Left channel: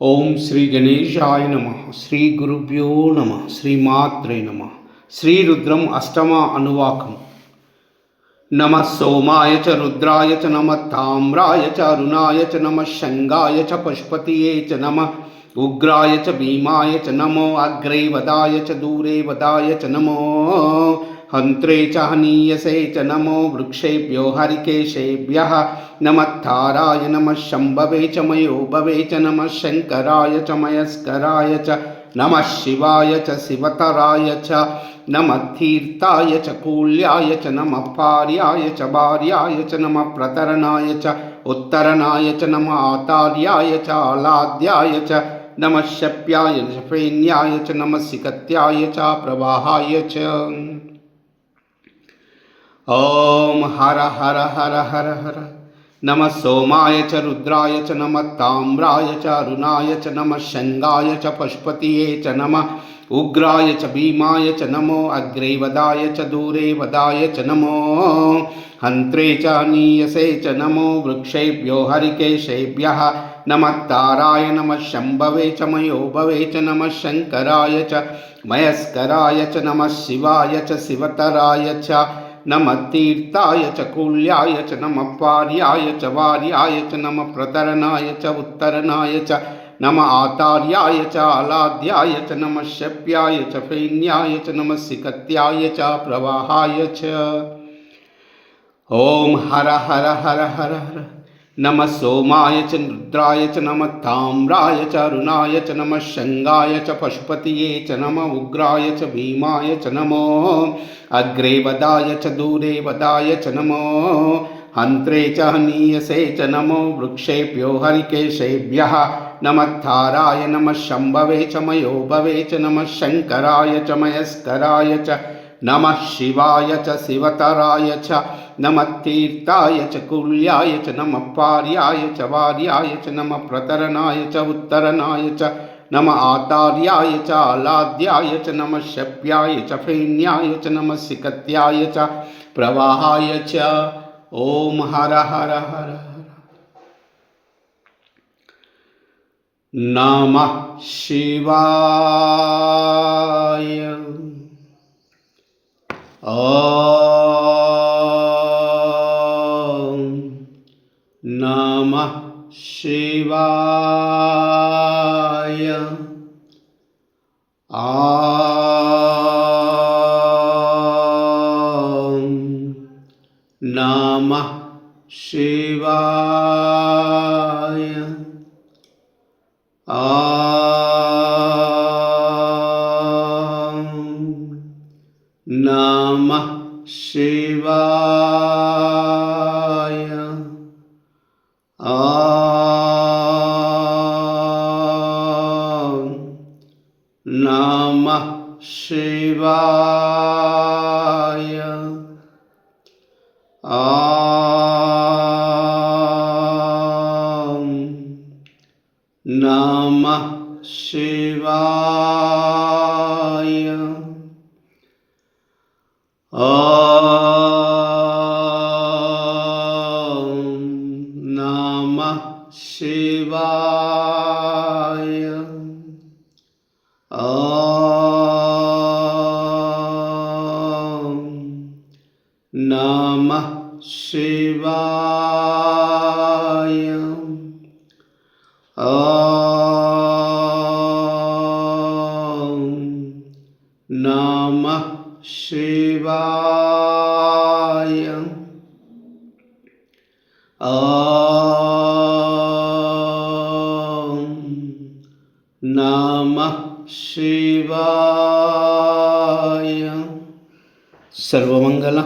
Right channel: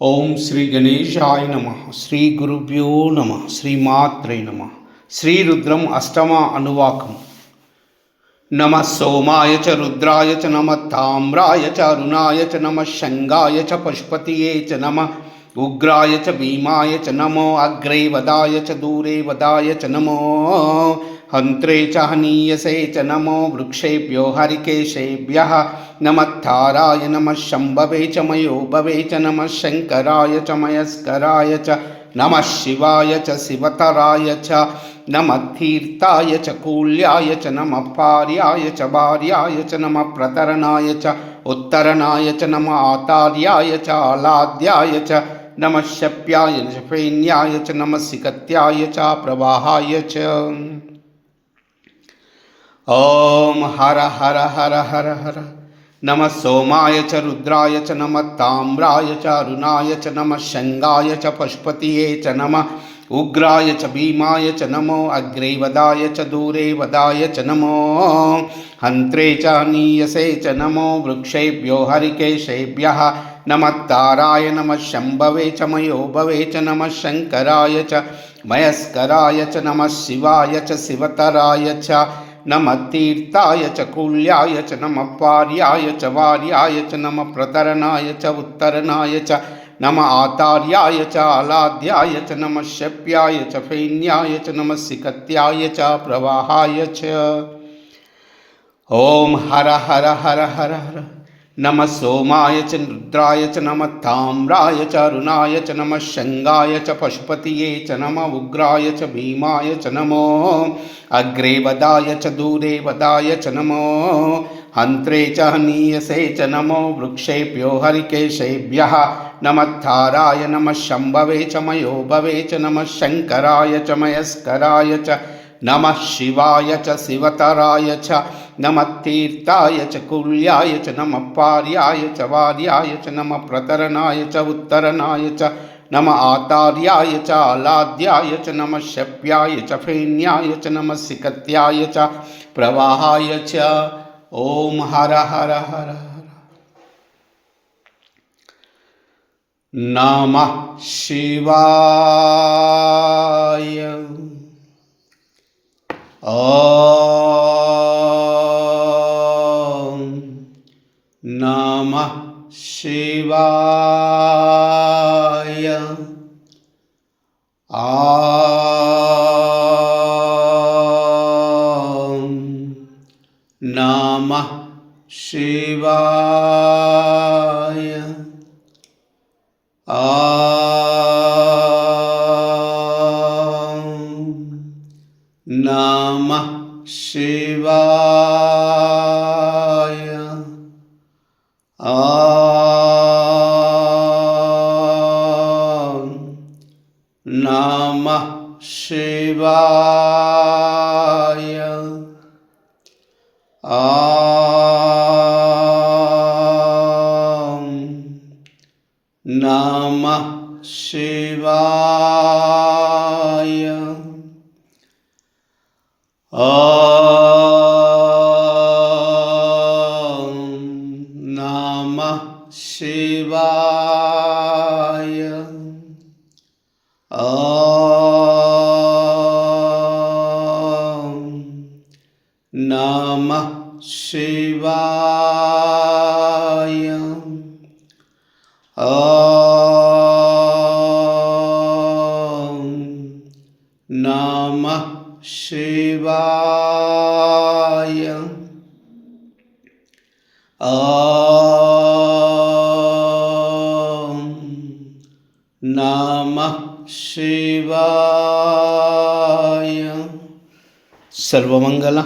ओम श्री गणेशाय नमः। श्री गुरुभ्यो नमः। श्रीमात्रे नमः। श्री रुद्रम अष्टम अनुवाकम। नमः सोमाय च रुद्राय च नमः ताम्राय च अरुणाय च नमः शंगाय च पशुपतये च नमः उग्राय च भीमाय च नमो अग्रे वदाय च दूरे वदाय च नमो हन्त्रे च हनीयसे च नमो वृक्षेभ्यो हरिकेशेभ्यः नमः ताराय नमः शम्भवे च मयोभवे च नमः शङ्कराय च मयस्कराय च नमः शिवाय च शिवतराय च नमः तीर्थाय च कूल्याय च नमः पार्याय च भार्याय च नमः प्रतरणाय च उत्तरणाय च नमः आतार्याय च आलाद्याय च नमः शप्याय च फेन्याय च नमः सिकत्याय च प्रवाहाय च। ओम हर हर हर हर हर। नमः सोमाय च रुद्राय च नमः ताम्राय च अरुणाय च नमः शंगाय च पशुपतये च नमः उग्राय च भीमाय च नमो अग्रे वदाय च दूरे वदाय च नमो हन्त्रे च हनीयसे च नमो वृक्षेभ्यो हरिकेशेभ्यः नमः ताराय नमः शम्भवे च मयोभवे च नमः शङ्कराय च मयस्कराय च नमः शिवाय च शिवतराय च नमः तीर्थाय च कूल्याय च नमः पार्याय च वार्याय च नमः प्रतरणाय च उत्तरणाय च नमः आतार्याय च आलाद्याय च नमः शप्याय च फेन्याय च नमः सिकत्याय च प्रवाहाय च। ओम हर हर हर हर हर। नमः सोमाय च रुद्राय च नमः ताम्राय च अरुणाय च नमः शंगाय च पशुपतये च नमः उग्राय च भीमाय च नमो अग्रे वदाय च दूरे वदाय च नमो हन्त्रे च हनीयसे च नमो वृक्षेभ्यो हरिकेशेभ्यः नमः ताराय नमः शम्भवे च मयोभवे च नमः शङ्कराय च मयस्कराय च नमः शिवाय च शिवतराय च नमः तीर्थाय च कूल्याय च नमः पार्याय च वार्याय च नमः प्रतरणाय च उत्तरणाय च नमः आतार्याय च आलाद्याय च नमः शप्याय च फेन्याय च नमः सिकत्याय च प्रवाहाय च। ओम हर हर हर हर। नमः शिवाय। ओम नमः शिवाय। ओम नमः शिवाय। ओम नमः शिवाय। ओम नमः शिवाय। ओम नमः शिवाय। ओम नमः शिवाय। ओम नमः शिवाय। ओम नमः शिवाय। ओम नमः शिवाय। सर्वमंगल